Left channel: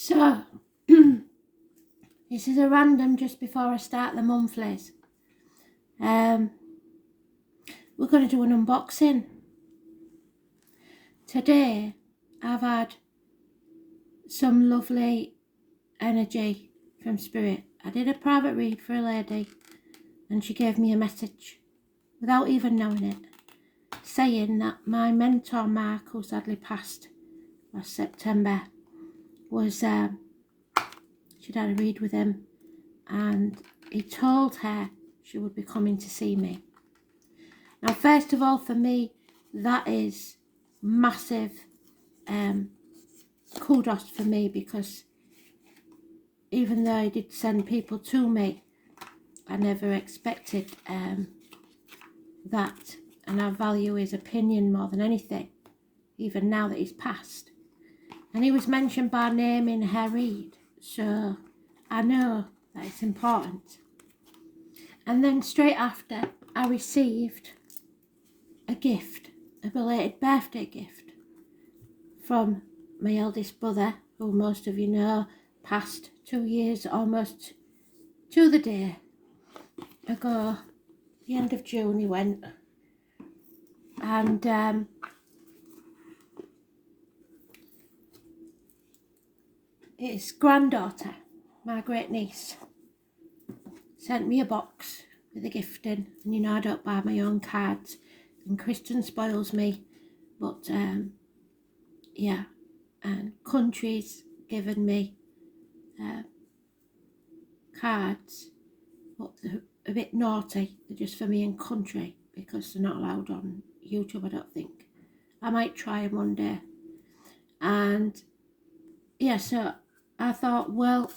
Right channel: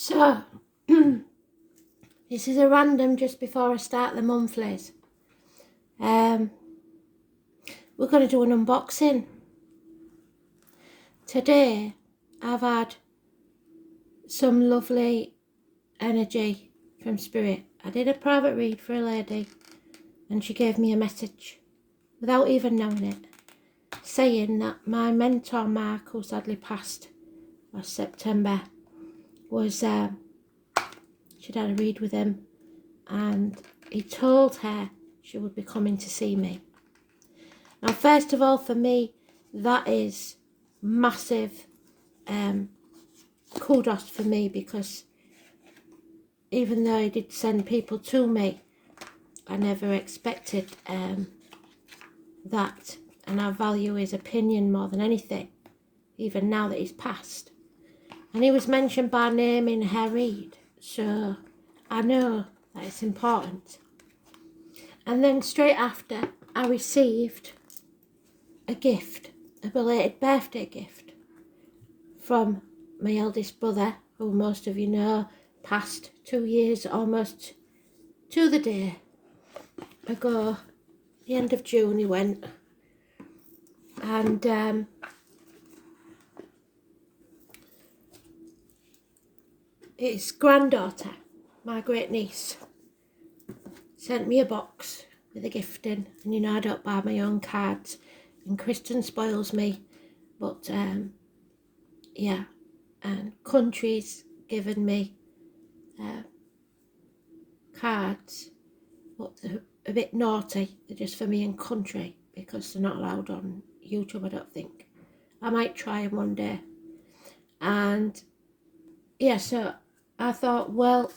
So, this is a random just before I start the monthlies. We're going to do an unboxing. Today, I've had some lovely energy from Spirit. I did a private read for a lady and she gave me a message without even knowing it, saying that my mentor Mark, who sadly passed last September, was she'd had a read with him and he told her she would be coming to see me. Now, first of all, for me, that is massive kudos for me, because even though he did send people to me, I never expected that, and I value his opinion more than anything, even now that he's passed. And he was mentioned by name in her read, so I know that it's important. And then straight after, I received a gift, a belated birthday gift from my eldest brother, who most of you know passed 2 years almost to the day ago. The end of June he went, and his granddaughter, my great niece, sent me a box with a gift in. And you know I don't buy my own cards, and Kristen spoils me, but yeah, and Country's given me cards, but they're a bit naughty. They're just for me and Country, because they're not allowed on YouTube, I don't think. I might try them one day. And yeah, so I thought, well,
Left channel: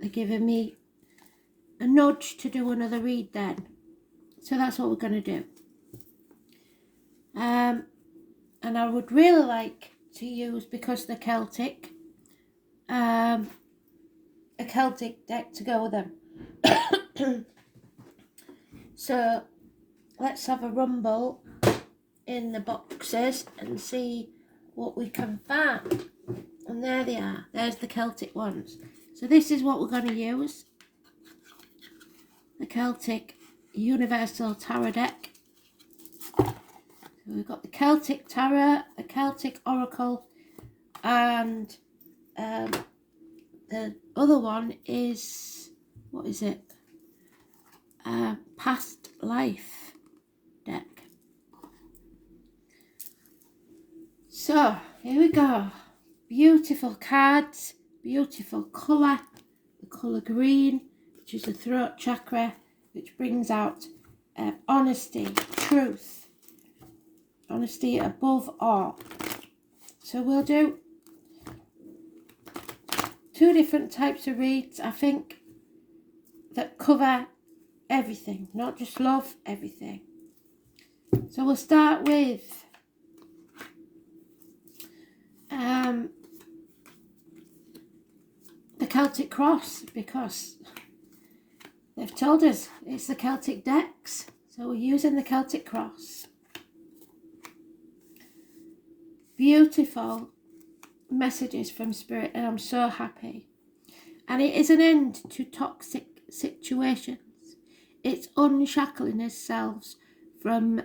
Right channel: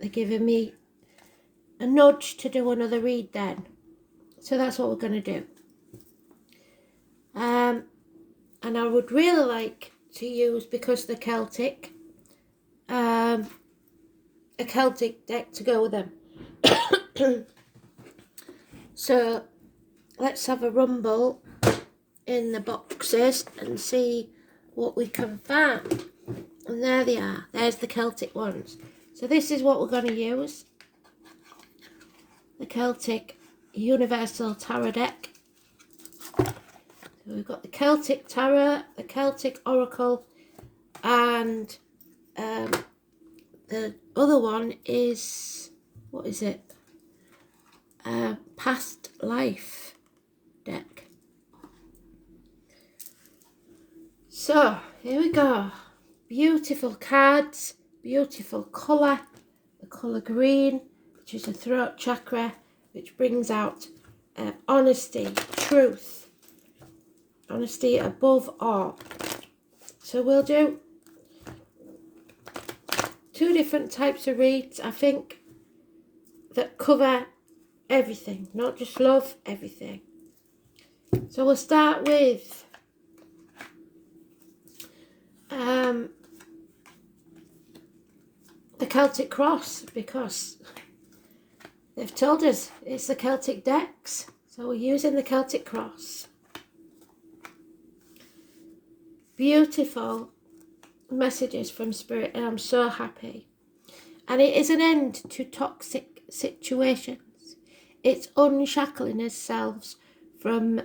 they're giving me a nudge to do another read then. So that's what we're going to do. And I would really like to use, because they're Celtic, a Celtic deck to go with them. So let's have a rumble in the boxes and see what we can find. And there they are. There's the Celtic ones. So this is what we're going to use. The Celtic Universal Tarot deck. So we've got the Celtic Tarot, the Celtic Oracle, and the other one is, what is it? Past Life deck. So here we go. Beautiful cards, beautiful colour, the colour green, which is the throat chakra, which brings out honesty, truth, honesty above all. So we'll do 2 different types of reads, I think, that cover everything, not just love, everything. So we'll start with the Celtic Cross, because they've told us it's the Celtic decks, so we're using the Celtic Cross. Beautiful messages from Spirit, and I'm so happy. And it is an end to toxic situations. It's unshackling ourselves from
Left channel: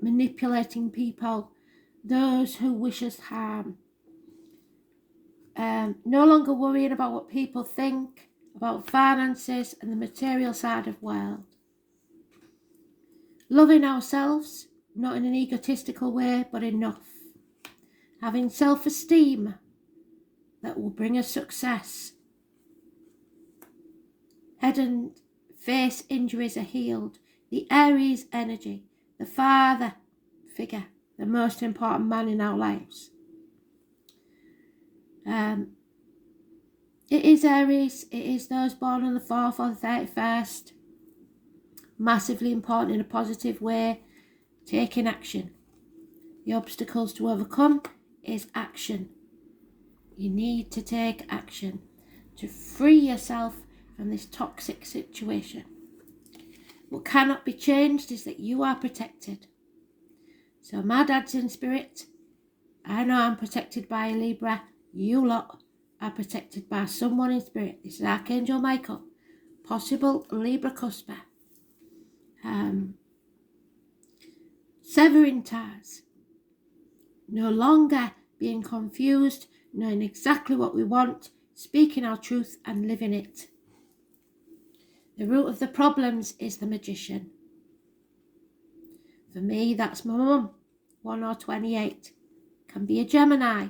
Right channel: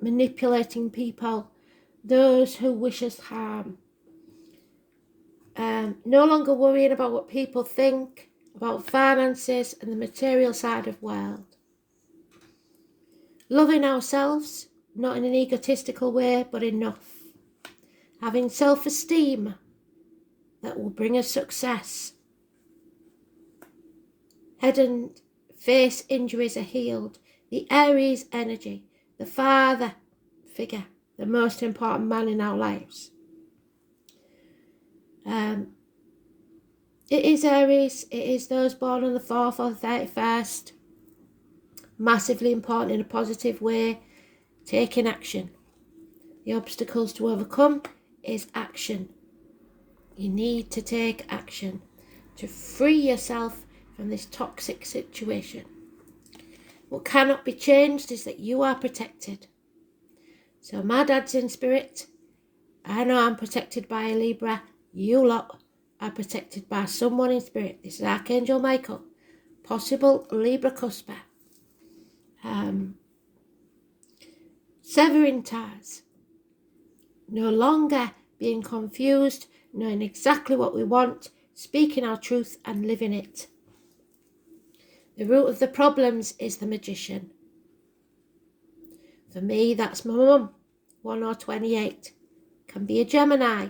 manipulating people, those who wish us harm. No longer worrying about what people think, about finances and the material side of the world. Loving ourselves, not in an egotistical way, but enough. Having self-esteem that will bring us success. Head and face injuries are healed. The Aries energy, the father figure, the most important man in our lives. It is Aries, it is those born on the 4th or the 31st. Massively important in a positive way. Taking action. The obstacles to overcome is action. You need to take action to free yourself from this toxic situation. What cannot be changed is that you are protected. So my dad's in Spirit. I know I'm protected by a Libra. You lot are protected by someone in spirit. This is Archangel Michael, possible Libra cusper. Severing ties. No longer being confused, knowing exactly what we want, speaking our truth and living it. The root of the problems is the Magician. For me, that's my mum, 1 or 28. Can be a Gemini.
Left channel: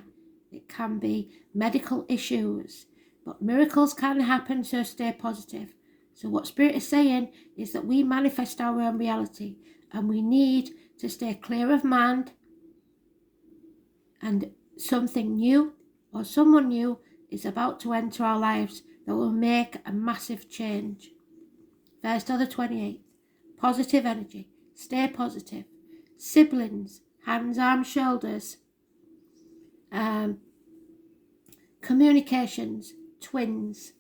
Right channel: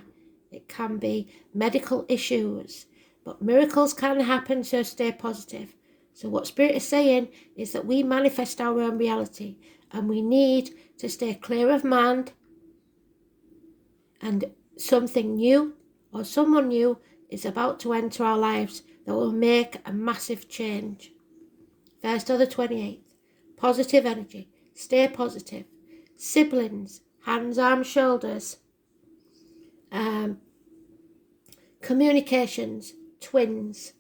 It can be medical issues. But miracles can happen, so stay positive. So what Spirit is saying is that we manifest our own reality, and we need to stay clear of mind, and something new or someone new is about to enter our lives that will make a massive change. 1st or the 28th. Positive energy. Stay positive. Siblings. Hands, arms, shoulders. Communications. Twins.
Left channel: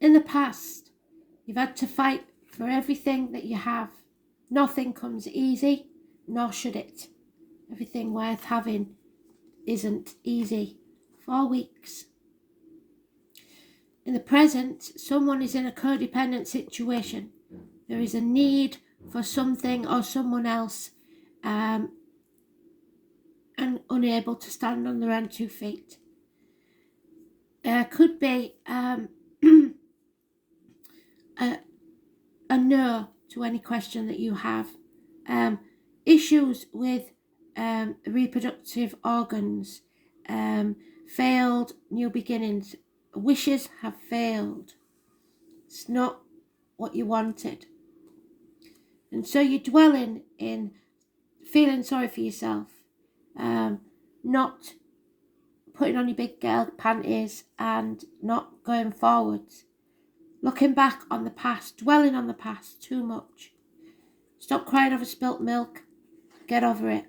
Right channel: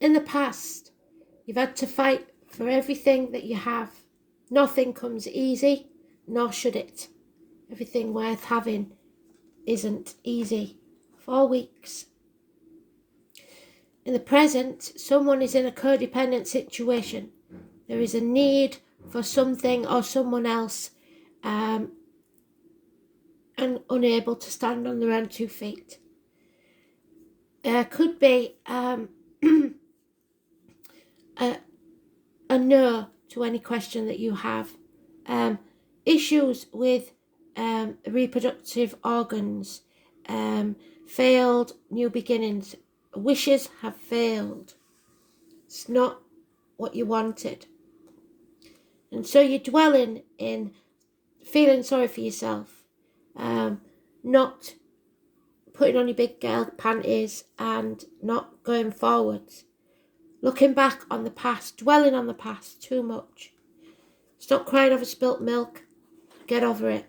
In the past, you've had to fight for everything that you have. Nothing comes easy, nor should it. Everything worth having isn't easy. 4 weeks. In the present, someone is in a codependent situation. There is a need for something or someone else, and unable to stand on their own 2 feet. There could be a no to any question that you have. Issues with reproductive organs, failed new beginnings, wishes have failed. It's not what you wanted. And so you're dwelling in feeling sorry for yourself, not putting on your big girl panties and not going forwards. Looking back on the past, dwelling on the past too much. Stop crying over spilt milk. Get over it.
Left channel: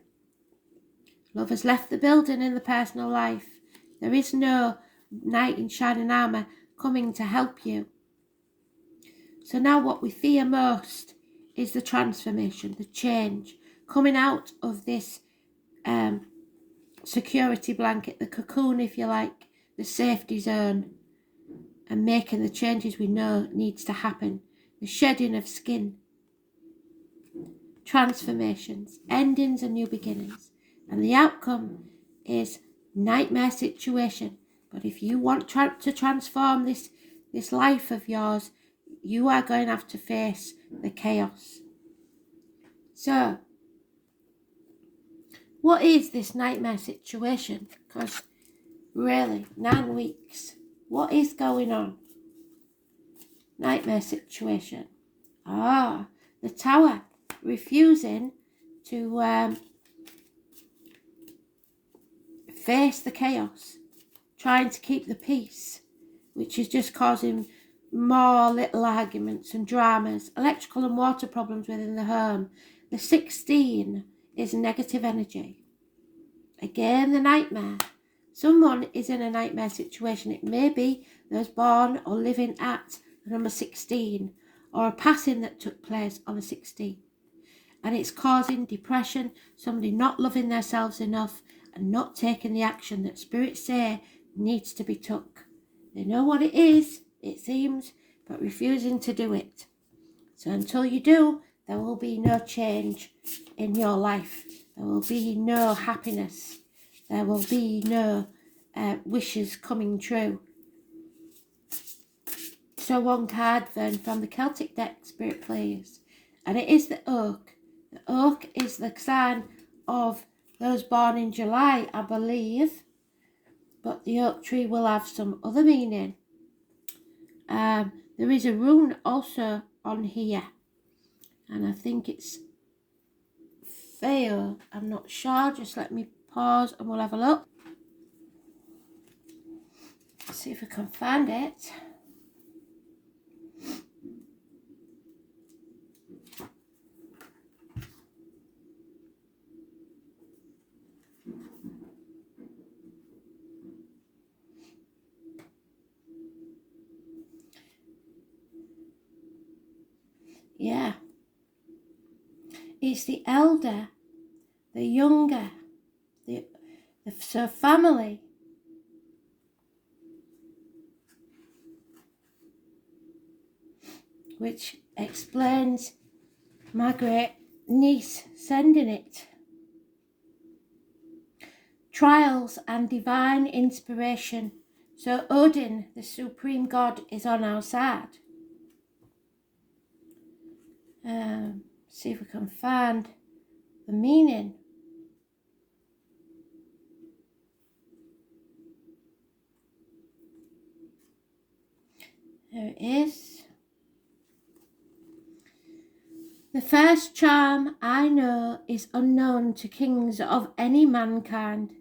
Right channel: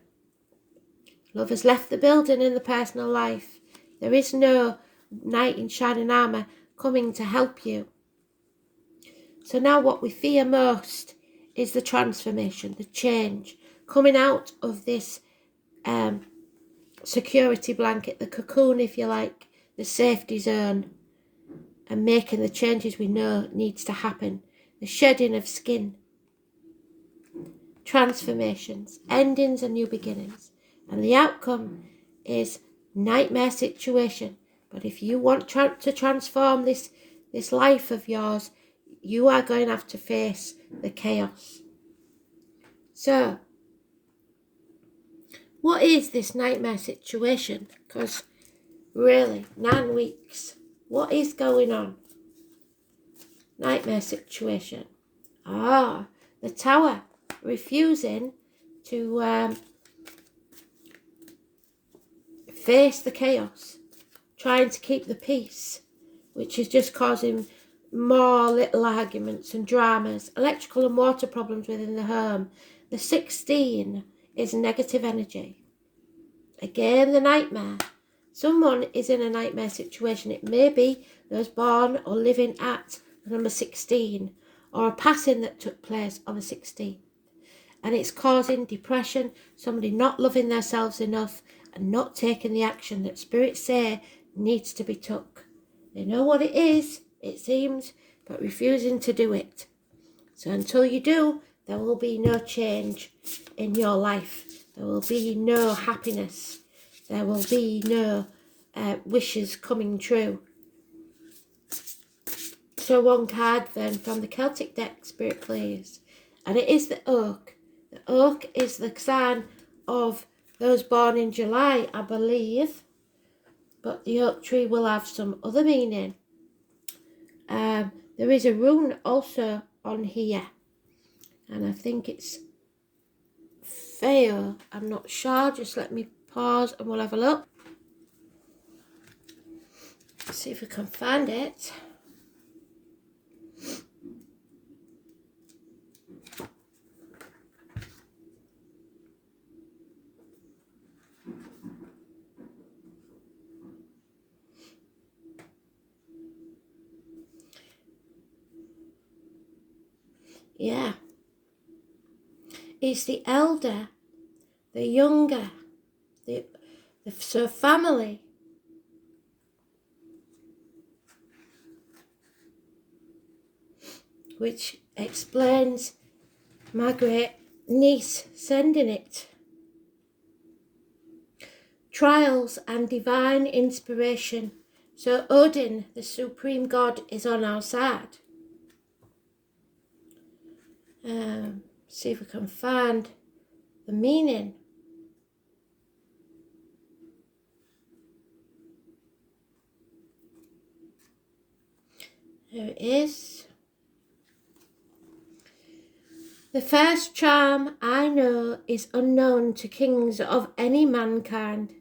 Love has left the building in the personal life. There is no knight in shining armour coming to help you. So now what we fear most is the transformation, the change, coming out of this security blanket, the cocoon, if you like, the safety zone, and making the changes we know needs to happen. The shedding of skin. Transformations, endings and new beginnings. And the outcome is nightmare situation. But if you want to transform this life of yours, you are going to have to face the chaos. So, what is this nightmare situation? Because really, 9 weeks. What is going on? Nightmare situation. The Tower. Refusing to face the chaos. Trying to keep the peace. Which is just causing more little arguments and dramas. Electrical and water problems within the home. The 16 is negative energy. Again, the nightmare. Someone is in a nightmare situation. It may be those born or living at the number 16, or a passing that took place on the 16th. And it's causing depression, somebody not loving themselves enough and not taking the action that spirits say needs to be took. They know what it is, it seems, but refusing to do it. So until you do, there will be no change in your life. There will be no happiness. There will be no wishes coming true. So one card then from the Celtic deck, Spirit plays. And it is the oak. The oak is the sign of those born in July, I believe. But the oak tree will have some other meaning. There is a rune also on here. And I think it's Feo. I'm not sure. Just let me pause and we'll have a look. See if we can find it. Yeah. It's the elder, the younger, so family, which explains my great niece sending it. Trials and divine inspiration. So Odin, the supreme god, is on our side. See if we can find the meaning. There it is. The first charm I know is unknown to kings of any mankind.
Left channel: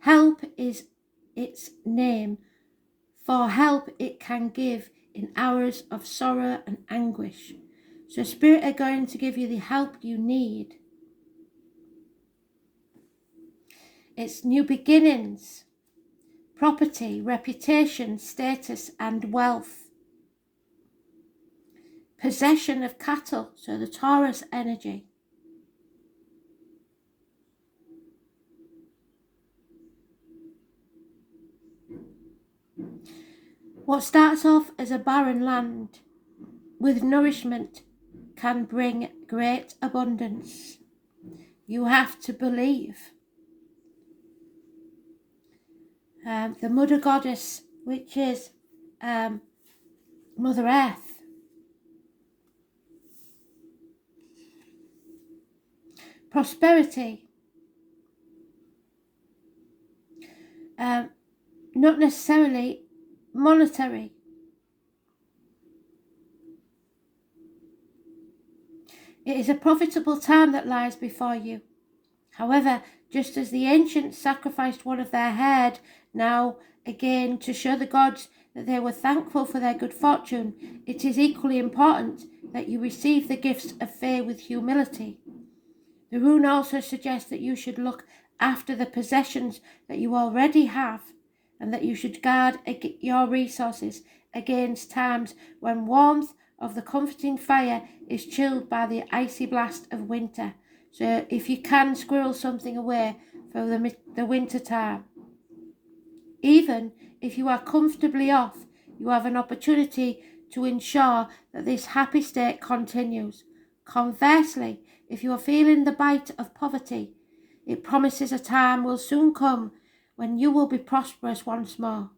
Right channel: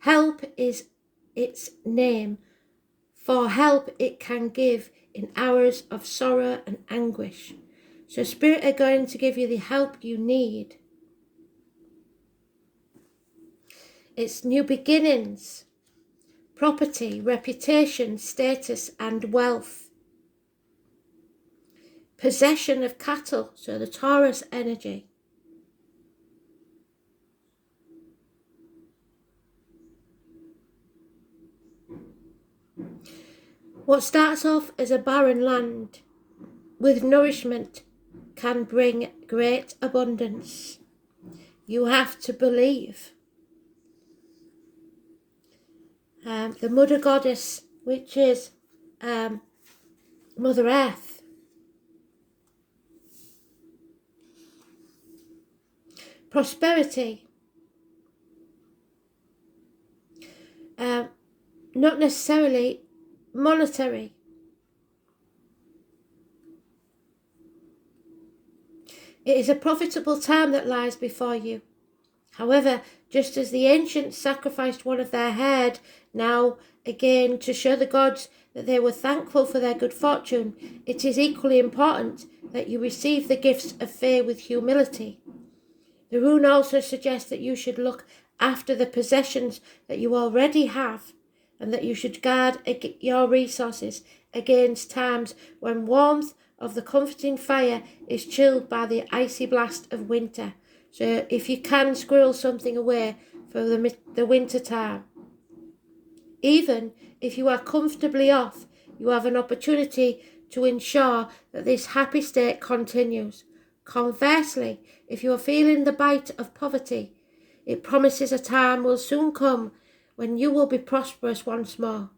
Help is its name, for help it can give in hours of sorrow and anguish. So Spirit are going to give you the help you need. It's new beginnings, property, reputation, status and wealth. Possession of cattle, so the Taurus energy. What starts off as a barren land with nourishment can bring great abundance. You have to believe. The Mother Goddess, which is Mother Earth. Prosperity. Not necessarily monetary. It is a profitable time that lies before you. However, just as the ancients sacrificed one of their herd, now again to show the gods that they were thankful for their good fortune, it is equally important that you receive the gifts of faith with humility. The rune also suggests that you should look after the possessions that you already have, and that you should guard your resources against times when warmth of the comforting fire is chilled by the icy blast of winter. So if you can squirrel something away for the winter time. Even if you are comfortably off, you have an opportunity to ensure that this happy state continues. Conversely, if you are feeling the bite of poverty, it promises a time will soon come when you will be prosperous once more.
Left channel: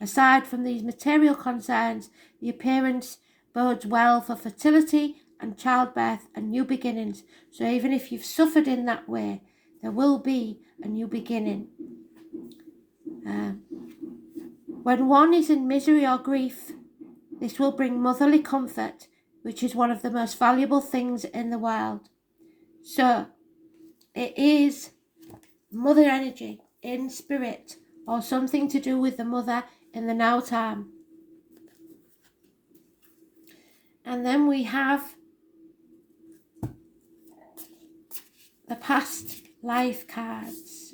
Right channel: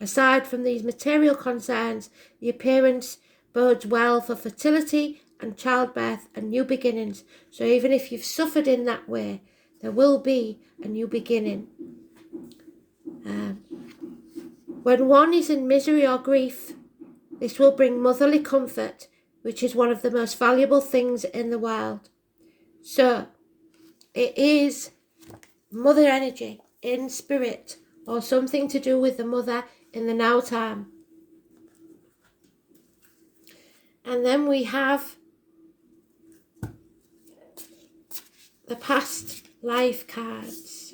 Aside from these material concerns, the appearance bodes well for fertility and childbirth and new beginnings. So even if you've suffered in that way, there will be a new beginning. When one is in misery or grief, this will bring motherly comfort, which is one of the most valuable things in the world. So it is mother energy in spirit, or something to do with the mother in the now time. And then we have the past life cards.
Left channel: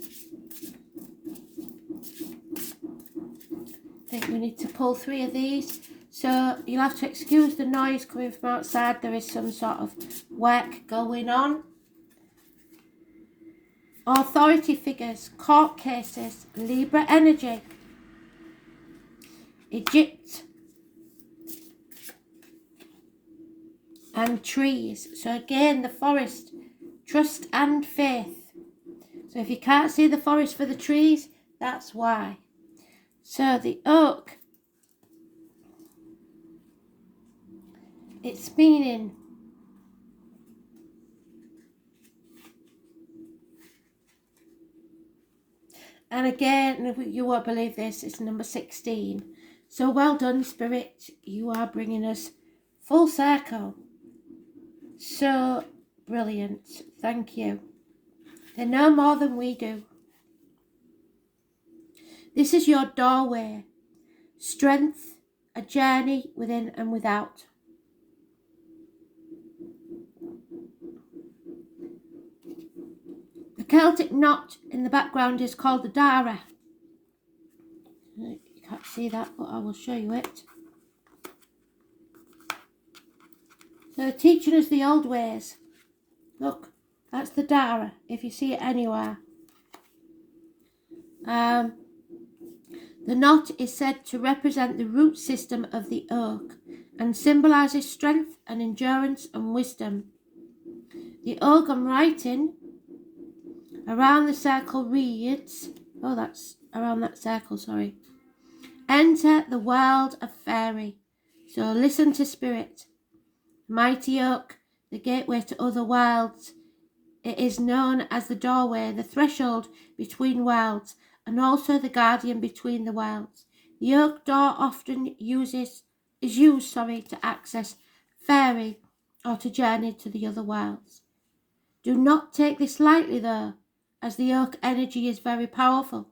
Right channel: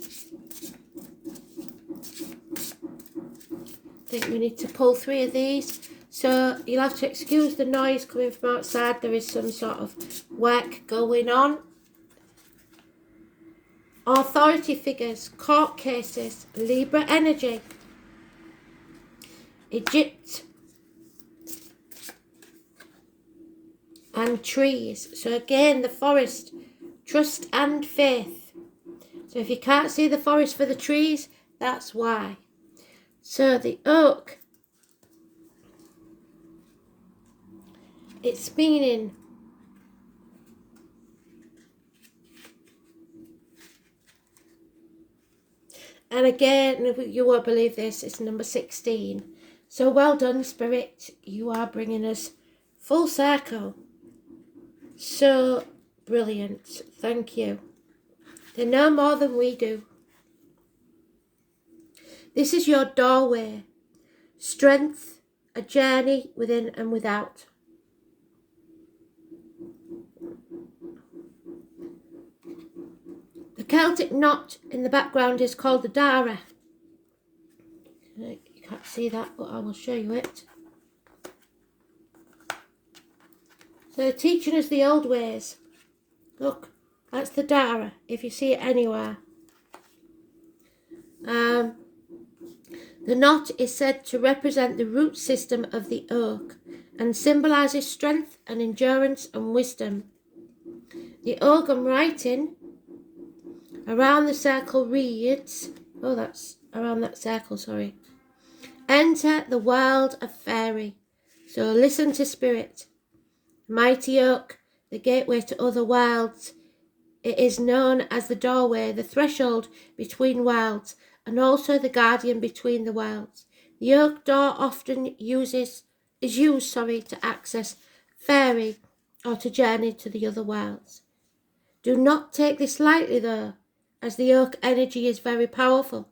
I think we need to pull 3 of these. So you'll have to excuse the noise coming from outside. There is some sort of work going on. Authority figures, court cases, Libra energy, Egypt, and trees. So again, the forest, trust and faith. So if you can't see the forest for the trees, that's why. So the oak, it's meaning and again, you won't believe this, it's number 16. So well done, Spirit. You are bringing us full circle. So brilliant. Thank you. They know more than we do. This is your doorway. Strength, a journey within and without. The Celtic knot in the background is called the Dara. You can't see that, but I will show you it. So teaching us the old ways. Look, that's the Dara, if you see it anywhere. The knot is said to represent the root system of the oak and symbolises strength and endurance and wisdom. The oak I'm writing around the circle reads, oh, that's around that circle, sorry. Enter the world of fairy. So listen to spirit. Mighty oak, the gateway to other worlds. It is known as the doorway, the threshold between worlds, and also the guardian between the worlds. The oak door often is used to access fairy or to journey to the other worlds. Do not take this lightly though, as the oak energy is very powerful.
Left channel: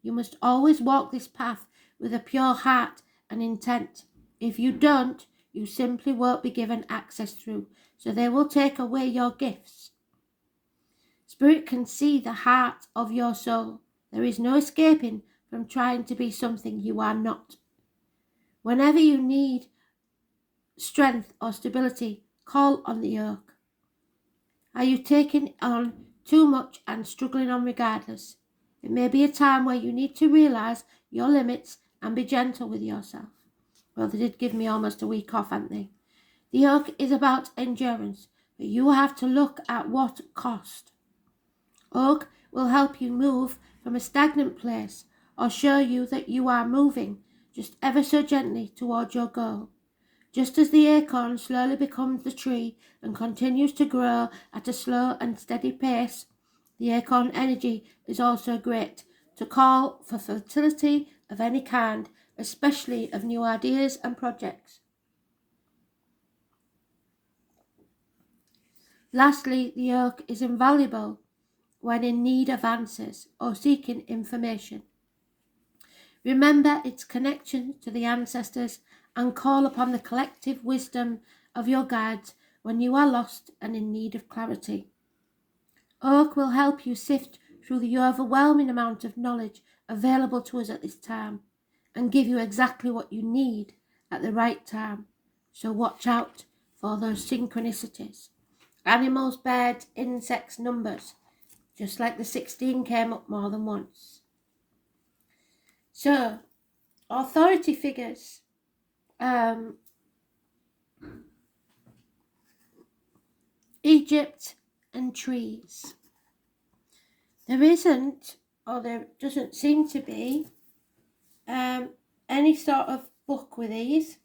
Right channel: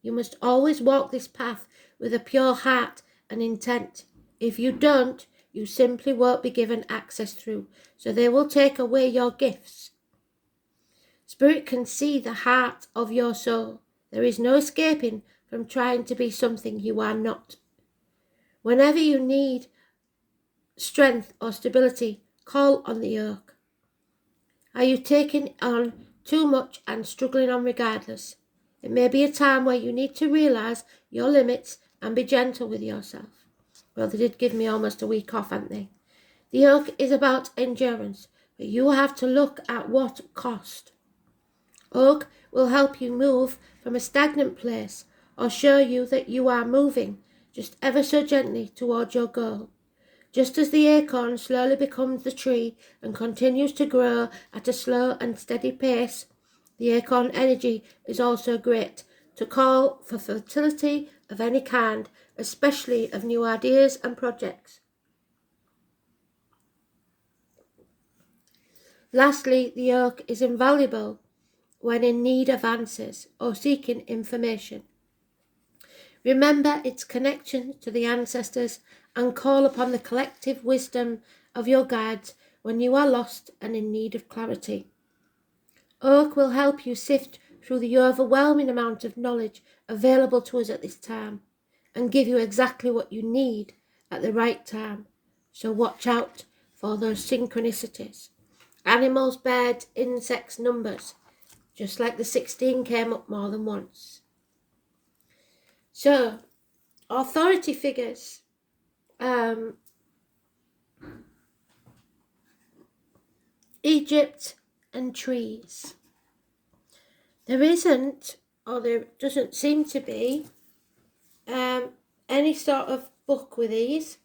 You must always walk this path with a pure heart and intent. If you don't, you simply won't be given access through, so they will take away your gifts. Spirit can see the heart of your soul. There is no escaping from trying to be something you are not. Whenever you need strength or stability, call on the oak. Are you taking on too much and struggling on regardless? It may be a time where you need to realise your limits and be gentle with yourself. Well, they did give me almost a week off, haven't they? The oak is about endurance, but you have to look at what cost. Oak will help you move from a stagnant place or show you that you are moving just ever so gently towards your goal. Just as the acorn slowly becomes the tree and continues to grow at a slow and steady pace, the acorn energy is also great to call for fertility of any kind, especially of new ideas and projects. Lastly, the oak is invaluable when in need of answers or seeking information. Remember its connection to the ancestors and call upon the collective wisdom of your guides when you are lost and in need of clarity. Oak will help you sift through the overwhelming amount of knowledge available to us at this time and give you exactly what you need at the right time. So watch out for those synchronicities. Animals, birds, insects, numbers. Just like the 16 came up more than once. So, authority figures. Egypt and trees. There isn't, or there doesn't seem to be, any sort of book with these.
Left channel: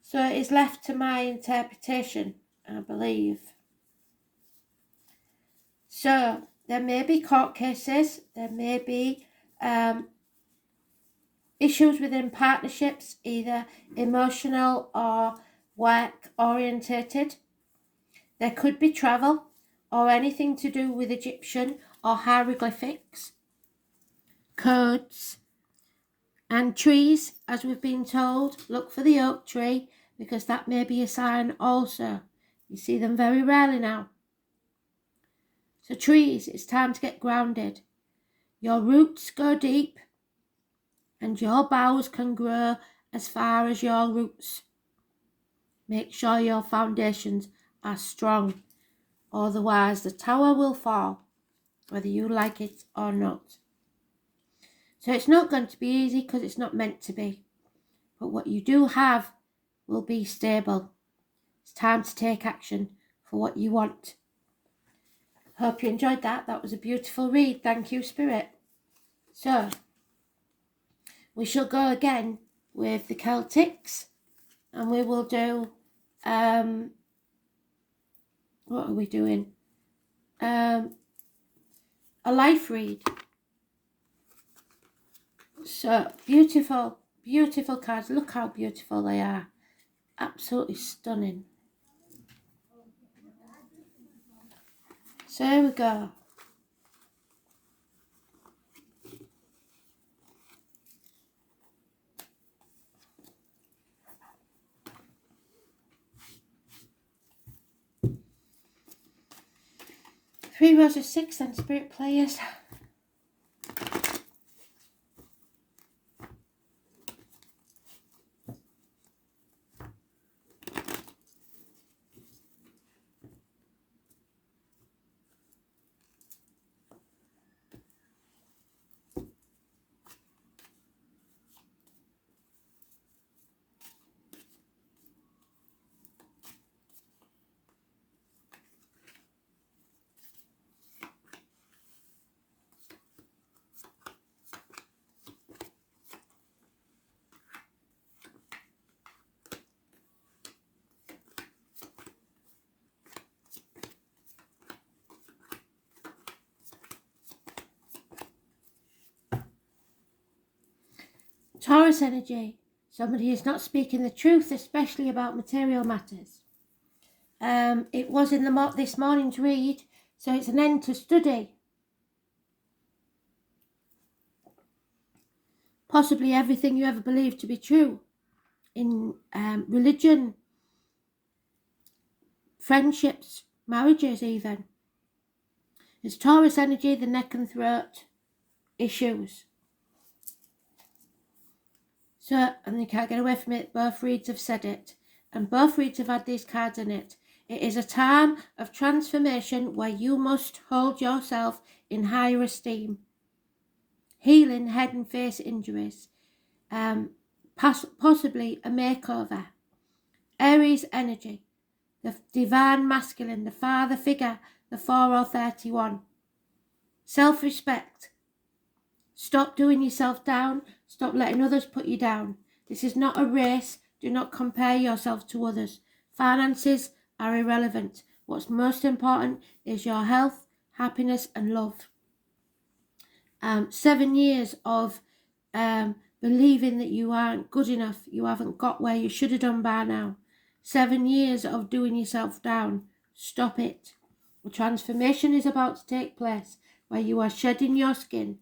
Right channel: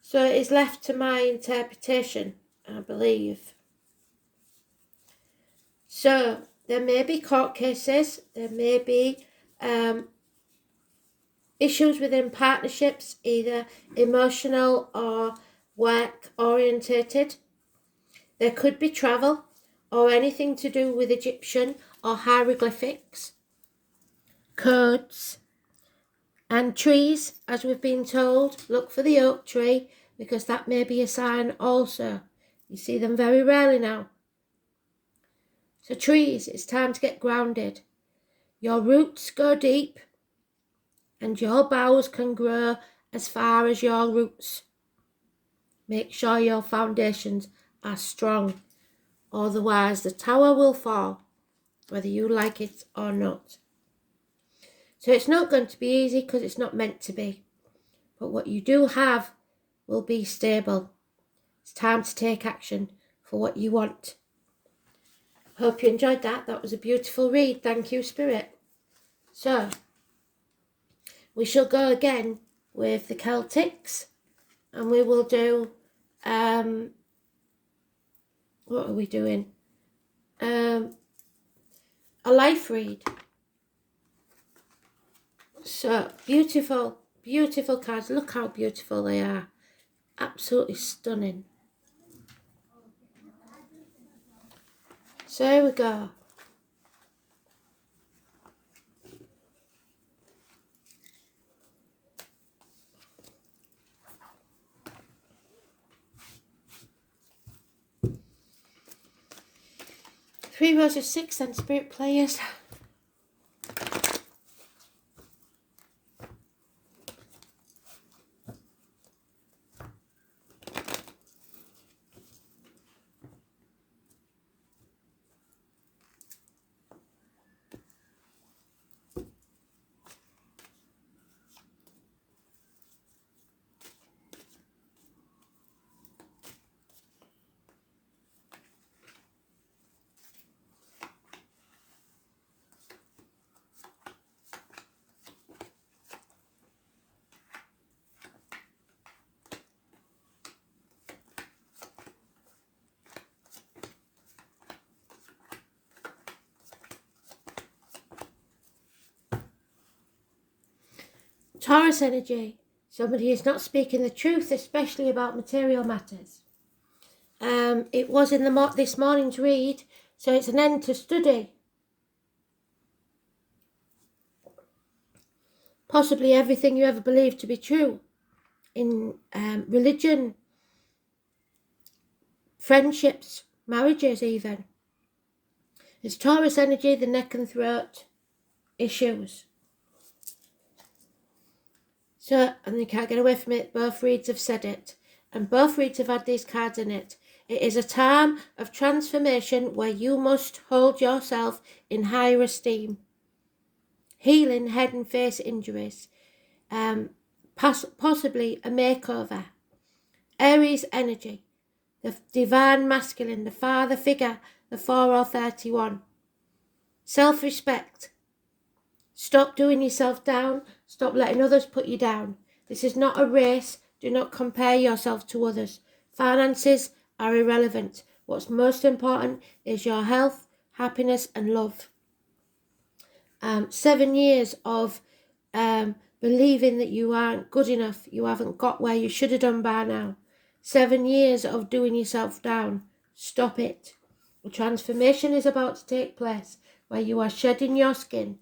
So it is left to my interpretation, I believe. So there may be court cases, there may be issues within partnerships, either emotional or work orientated. There could be travel or anything to do with Egyptian or hieroglyphics, codes, and trees, as we've been told. Look for the oak tree because that may be a sign also. You see them very rarely now. So trees, it's time to get grounded. Your roots go deep and your boughs can grow as far as your roots. Make sure your foundations are strong, otherwise the tower will fall, whether you like it or not. So it's not going to be easy because it's not meant to be. But what you do have will be stable. It's time to take action for what you want. Hope you enjoyed that. That was a beautiful read. Thank you, Spirit. So, we shall go again with the Celtics. And we will do, what are we doing? A life read. So, beautiful, beautiful cards. Look how beautiful they are. Absolutely stunning. So here we go. Three rows of 6 and Spirit players. Taurus energy, somebody is not speaking the truth, especially about material matters. It was in this morning's read, so it's an end to study. Possibly everything you ever believed to be true in religion, friendships, marriages even. It's Taurus energy, the neck and throat issues. So, and you can't get away from it, both reads have said it. And both reads have had these cards in it. It is a time of transformation where you must hold yourself in higher esteem. Healing head and face injuries. Possibly a makeover. Aries energy. The divine masculine, the father figure, the 4 or 31. Self-respect. Stop doing yourself down. Stop letting others put you down. This is not a race. Do not compare yourself to others. Finances are irrelevant. What's most important is your health, happiness and love. 7 years of believing that you aren't good enough. You haven't got where you should have done by now. 7 years of doing yourself down. Stop it. The transformation is about to take place where you are shedding your skin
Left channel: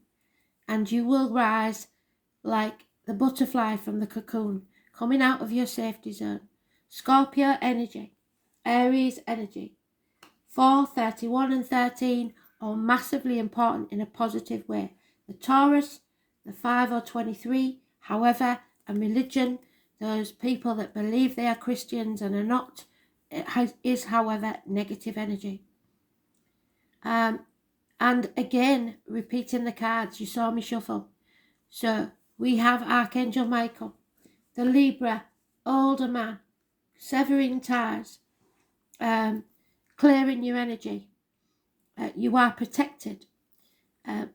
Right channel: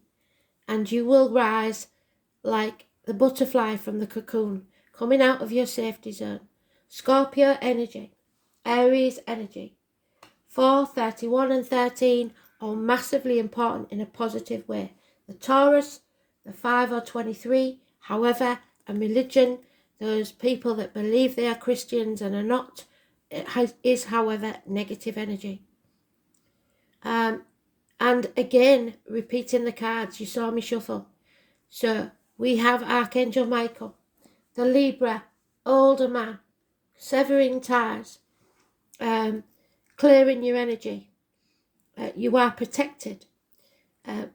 and you will rise like the butterfly from the cocoon, coming out of your safety zone. Scorpio energy, Aries energy. 4, 31 and 13 are massively important in a positive way. The Taurus, the 5 or 23, however, and religion, those people that believe they are Christians and are not, is, however, negative energy. And again, repeating the cards, you saw me shuffle. So we have Archangel Michael, the Libra, older man, severing ties, clearing your energy. You are protected.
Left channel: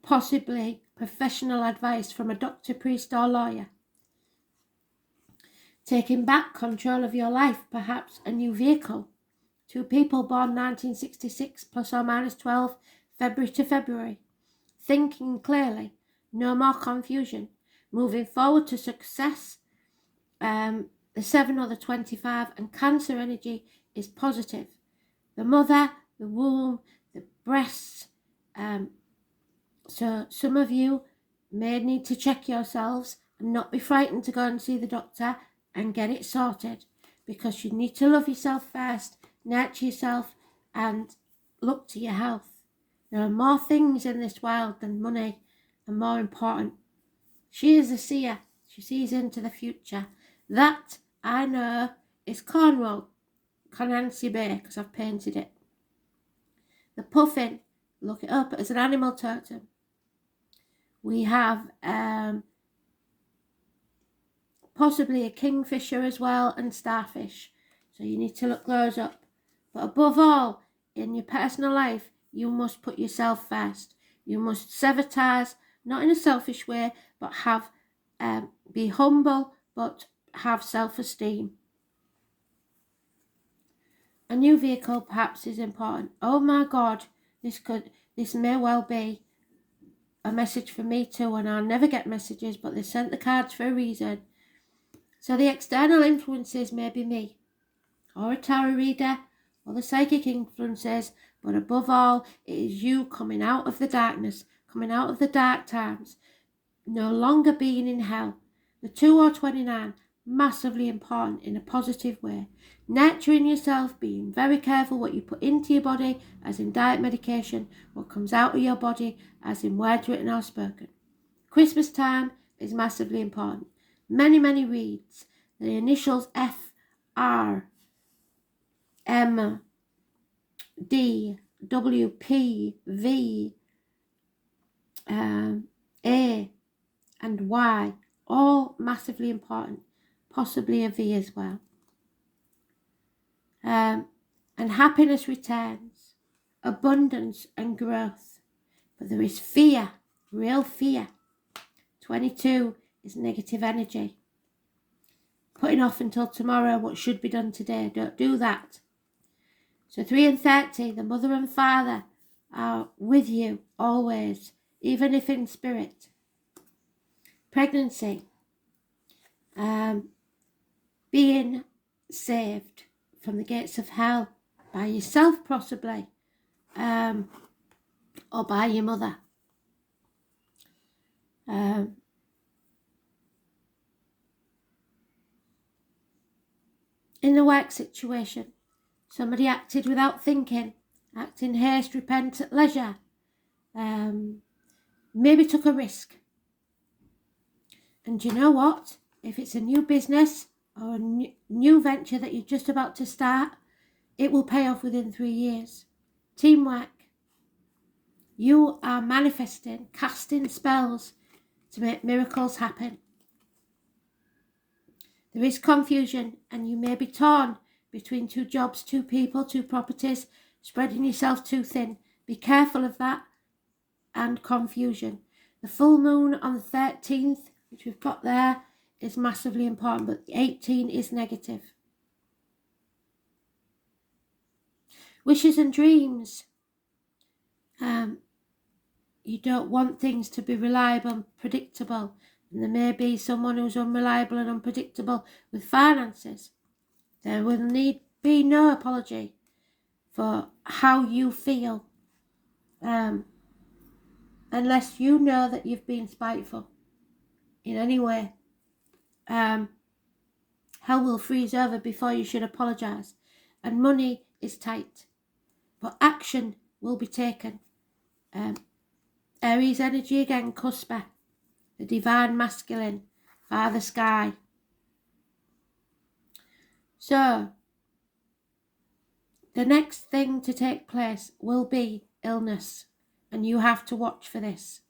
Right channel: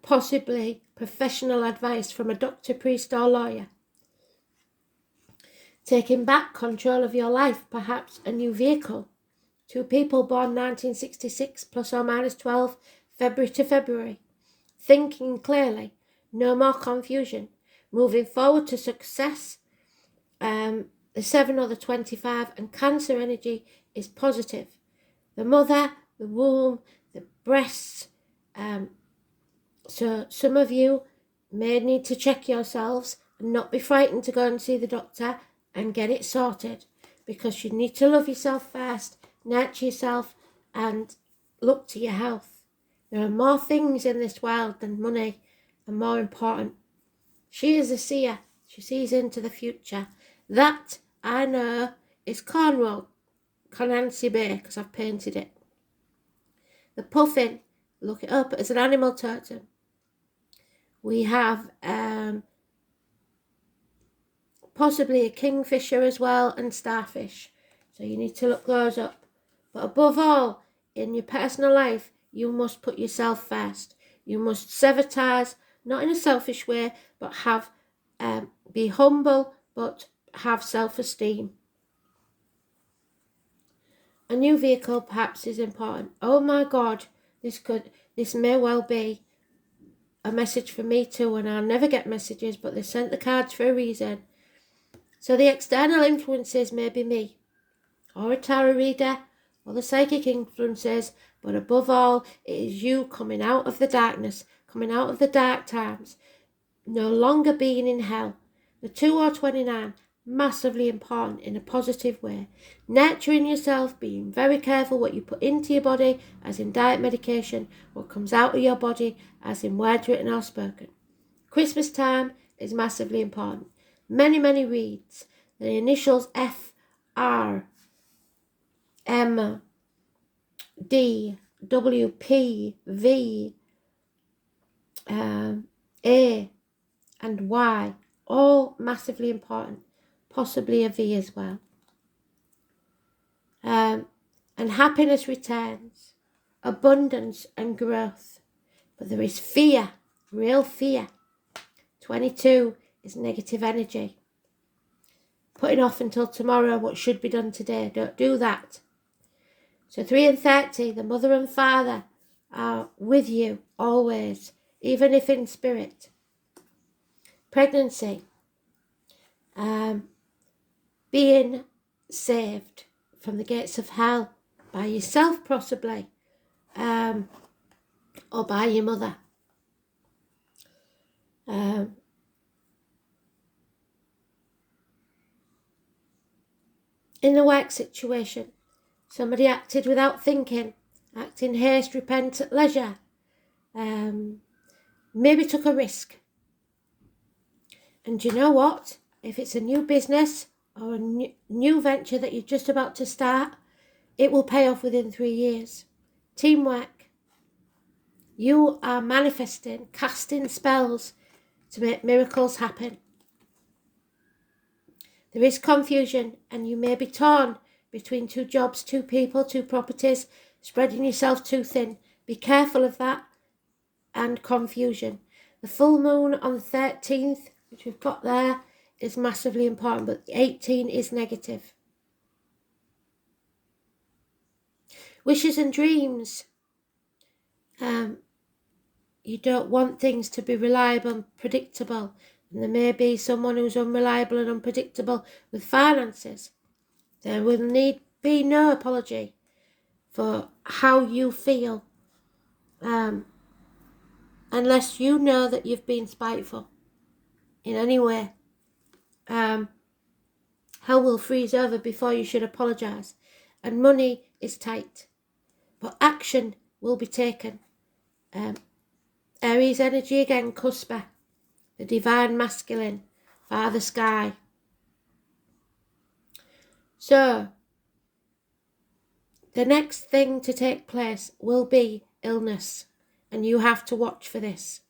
Possibly professional advice from a doctor, priest or lawyer. Taking back control of your life, perhaps a new vehicle. 2 people born 1966 plus or minus 12, February to February. Thinking clearly, no more confusion. Moving forward to success. The 7 or the 25 and Cancer energy is positive. The mother, the womb, the breasts. So some of you may need to check yourselves and not be frightened to go and see the doctor and get it sorted, because you need to love yourself first, nurture yourself and look to your health. There are more things in this world than money and more important. She is a seer. She sees into the future. That, I know, is Cornwall, Conansy Bay, because I've painted it. The puffin, look it up as an animal totem. We have possibly a kingfisher as well and starfish. So you need to look those up. But above all, in your personal life, you must put yourself first. You must sever ties, not in a selfish way, but be humble, but have self-esteem. A new vehicle perhaps is important. Oh my God, this may well be a message for me too, and I'll never get messages, but they sent the cards for a reason. So the external influences may be me, or a tarot reader, or the psychic influences, but above all, it is you coming out of the darkness, coming out of the dark times, no longer being in hell. The 2 or 29, massively important in a positive way. Nurturing yourself, being very careful what you put into your body, as in diet, medication, what comes out of your body, as in words written or spoken. Christmas time is massively important. Many, many reads. The initials F, R, M, D, W, P, V, A, and Y, all massively important. Possibly a V as well. And happiness returns, abundance and growth. But there is fear, real fear. 22 is negative energy. Putting off until tomorrow what should be done today. Don't do that. So 3 and 30, the mother and father are with you always, even if in spirit. Pregnancy, being saved from the gates of hell by yourself possibly, or by your mother. In a work situation, somebody acted without thinking, act in haste, repent at leisure, maybe took a risk. And you know what? If it's a new business or a new venture that you're just about to start, it will pay off within 3 years. Teamwork. You are manifesting, casting spells to make miracles happen. There is confusion, and you may be torn between 2 jobs, 2 people, 2 properties, spreading yourself too thin. Be careful of that and confusion. The full moon on the 13th, which we've got there, is massively important, but 18 is negative. Wishes and dreams. You don't want things to be reliable and predictable. And there may be someone who's unreliable and unpredictable with finances. There will need be no apology for how you feel, unless you know that you've been spiteful in any way. Hell will freeze over before you should apologise, and money is tight, but action will be taken. Aries energy again, Cuspa, the divine masculine, Father Sky. So, the next thing to take place will be illness, and you have to watch for this.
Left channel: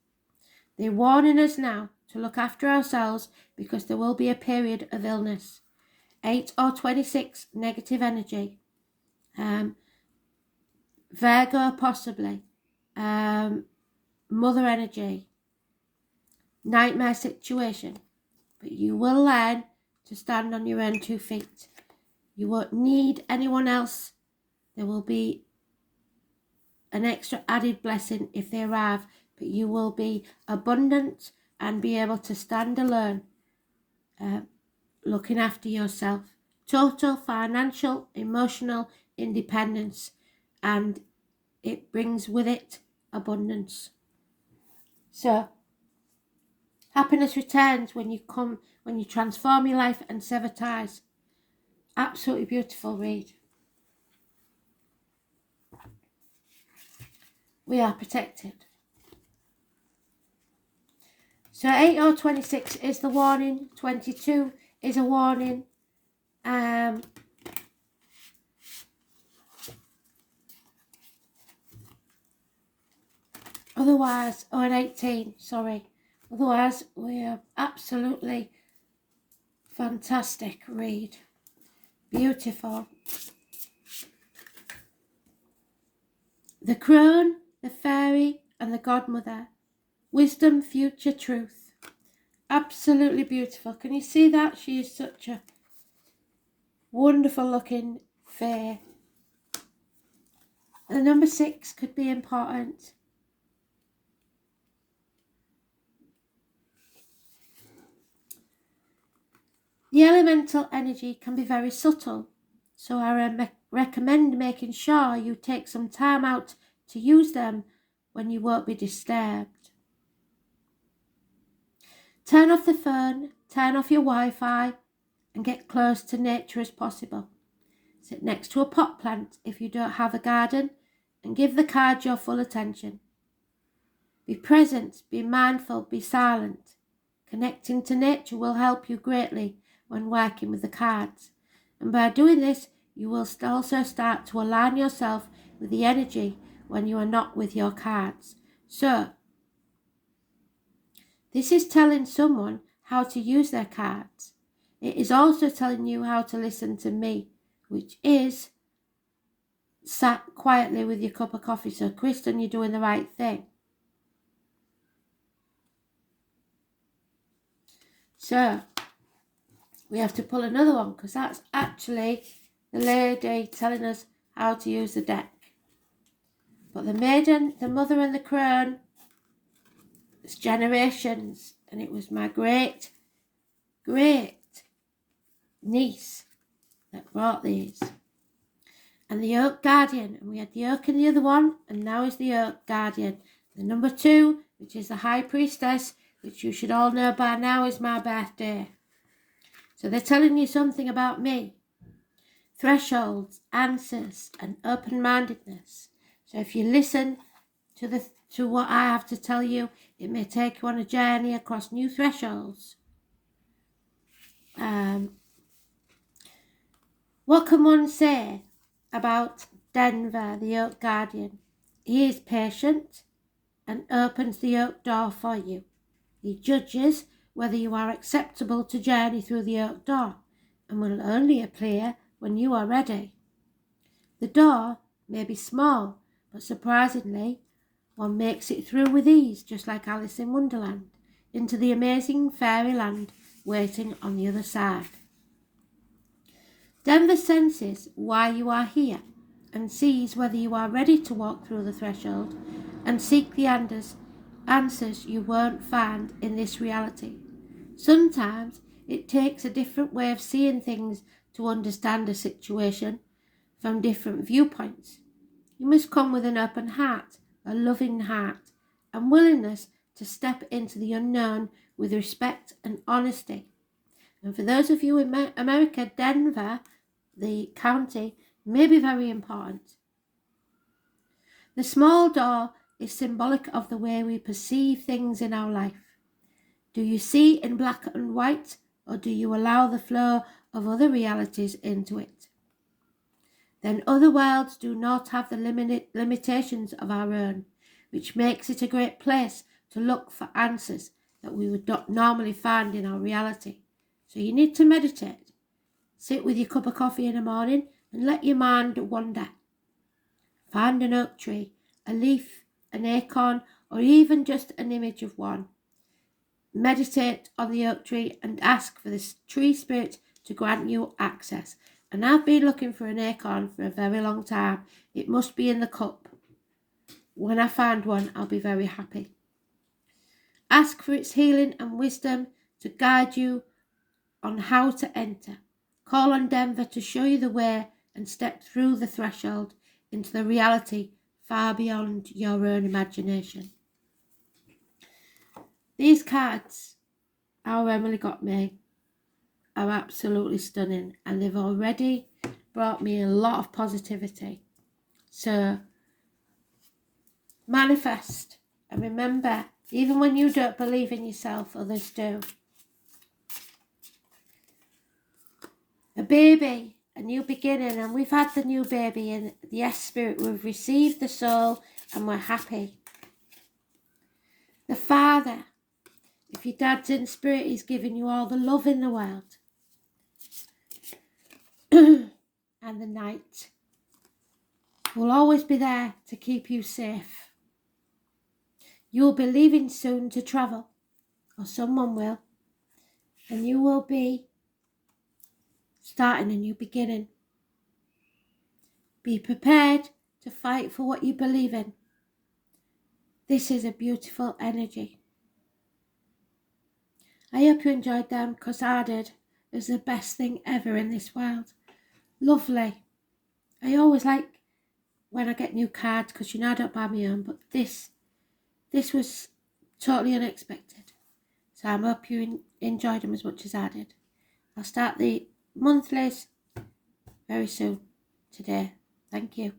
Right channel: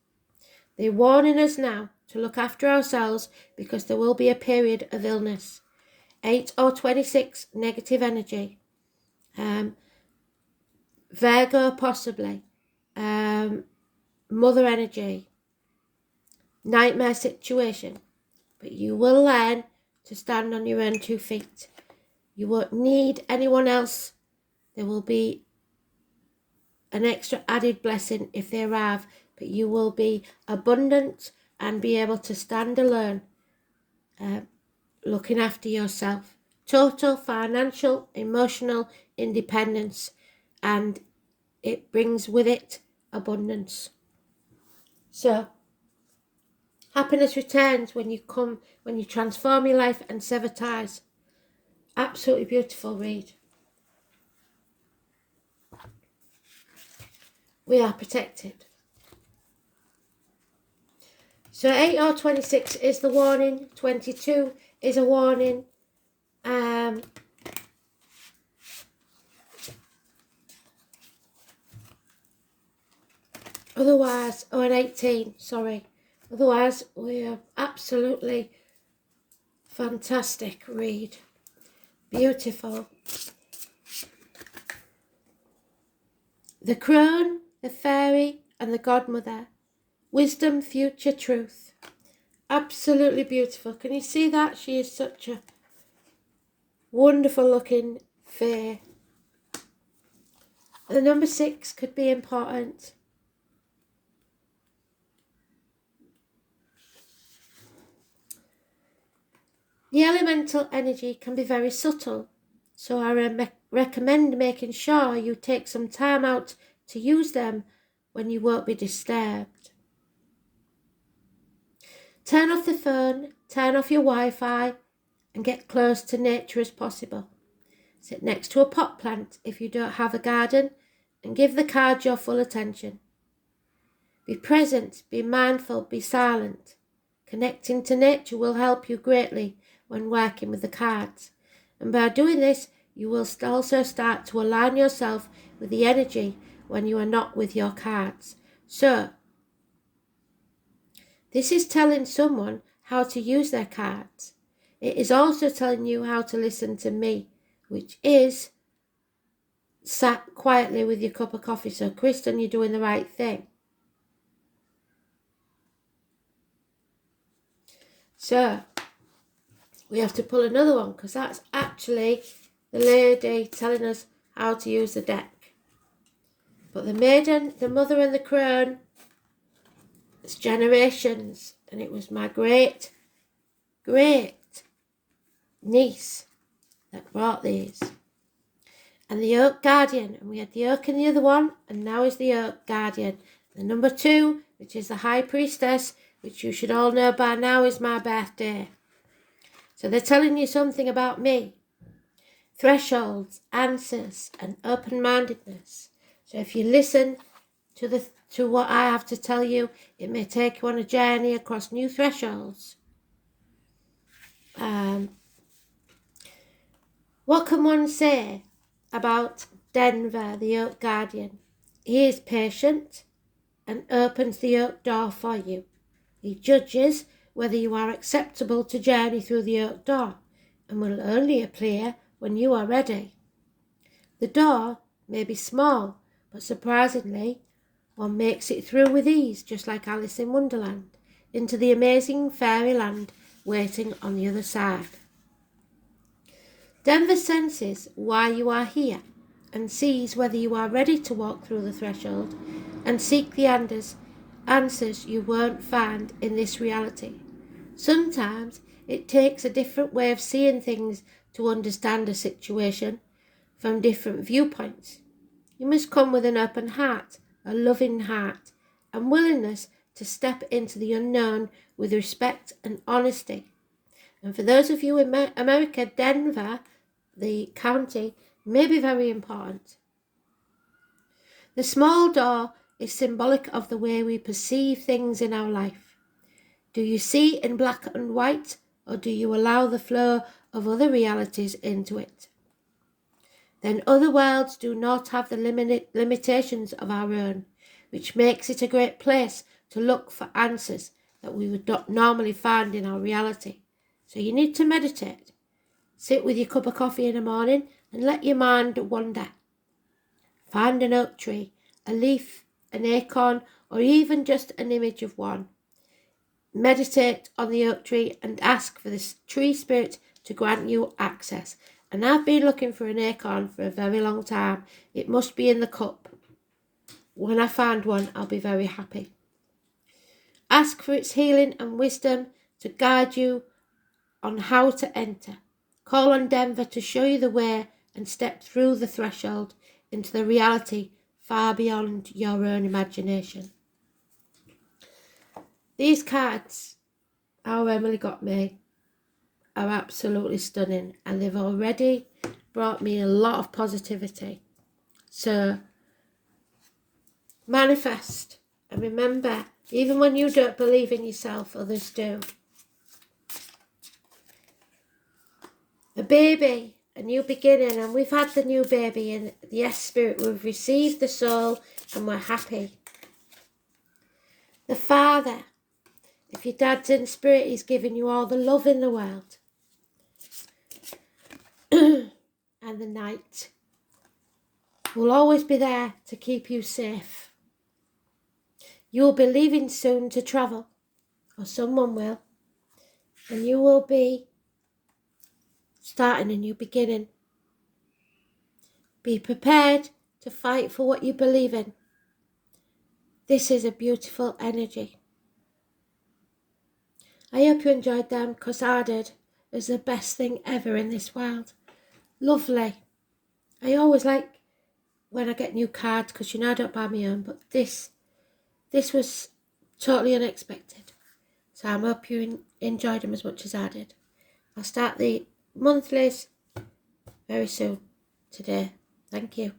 They're warning us now to look after ourselves because there will be a period of illness. 8 or 26, negative energy. Virgo possibly. Mother energy. Nightmare situation. But you will learn to stand on your own 2 feet. You won't need anyone else. There will be an extra added blessing if they arrive, but you will be abundant and be able to stand alone, looking after yourself. Total financial, emotional independence, and it brings with it abundance. So, happiness returns when you transform your life and sever ties. Absolutely beautiful read. We are protected. So 8 or 26 is the warning. 22 is a warning. Otherwise, or an 18, sorry. Otherwise, we are absolutely fantastic read. Beautiful. The crone, the fairy, and the godmother. Wisdom, future, truth. Absolutely beautiful. Can you see that? She is such a wonderful looking fair. The number 6 could be important. The elemental energy can be very subtle, so I recommend making sure you take some time out to use them when you won't be disturbed. Turn off the phone, turn off your Wi-Fi, and get close to nature as possible. Sit next to a pot plant if you don't have a garden, and give the cards your full attention. Be present, be mindful, be silent. Connecting to nature will help you greatly when working with the cards. And by doing this, you will also start to align yourself with the energy when you are not with your cards. So, this is telling someone how to use their cards. It is also telling you how to listen to me, which is sat quietly with your cup of coffee. So, Kristen, you're doing the right thing. So, we have to pull another one because that's actually the lady telling us how to use the deck. But the maiden, the mother and the crone, it's generations, and it was my great niece that brought these. And the Oak Guardian, and we had the Oak in the other one, and now is the Oak Guardian. The number 2, which is the High Priestess, which you should all know by now is my birthday. So they're telling you something about me. Thresholds, answers, and open-mindedness. So if you listen to what I have to tell you, it may take you on a journey across new thresholds. What can one say about Denver, the Oak Guardian? He is patient and opens the oak door for you. He judges whether you are acceptable to journey through the oak door and will only appear when you are ready. The door may be small, but surprisingly, one makes it through with ease, just like Alice in Wonderland, into the amazing fairyland waiting on the other side. Denver senses why you are here and sees whether you are ready to walk through the threshold and seek the answers you won't find in this reality. Sometimes it takes a different way of seeing things to understand a situation from different viewpoints. You must come with an open heart, a loving heart, and willingness to step into the unknown with respect and honesty. And for those of you in America, Denver, the county, may be very important. The small door is symbolic of the way we perceive things in our life. Do you see in black and white, or do you allow the flow of other realities into it? Then other worlds do not have the limitations of our own, which makes it a great place to look for answers that we would not normally find in our reality. So you need to meditate. Sit with your cup of coffee in the morning and let your mind wander. Find an oak tree, a leaf, an acorn, or even just an image of one. Meditate on the oak tree and ask for this tree spirit to grant you access. And I've been looking for an acorn for a very long time. It must be in the cup. When I find one, I'll be very happy. Ask for its healing and wisdom to guide you on how to enter. Call on Denver to show you the way and step through the threshold into the reality far beyond your own imagination. These cards, Our Emily Got Me, are absolutely stunning, and they've already brought me a lot of positivity. So manifest, and remember, even when you don't believe in yourself, others do. A baby, a new beginning, and we've had the new baby, and yes, Spirit, we've received the soul and we're happy. The Father, if your dad's in spirit, he's giving you all the love in the world. And the night will always be there to keep you safe. You'll be leaving soon to travel, or someone will, and you will be starting a new beginning. Be prepared to fight for what you believe in. This is a beautiful energy. I hope you enjoyed them, because I did. It's the best thing ever in this world. Lovely. I always like when I get new cards, because you know I don't buy my own, but this was totally unexpected. So I hope you enjoyed them as much as I did. I'll start the monthlies very soon today. Thank you.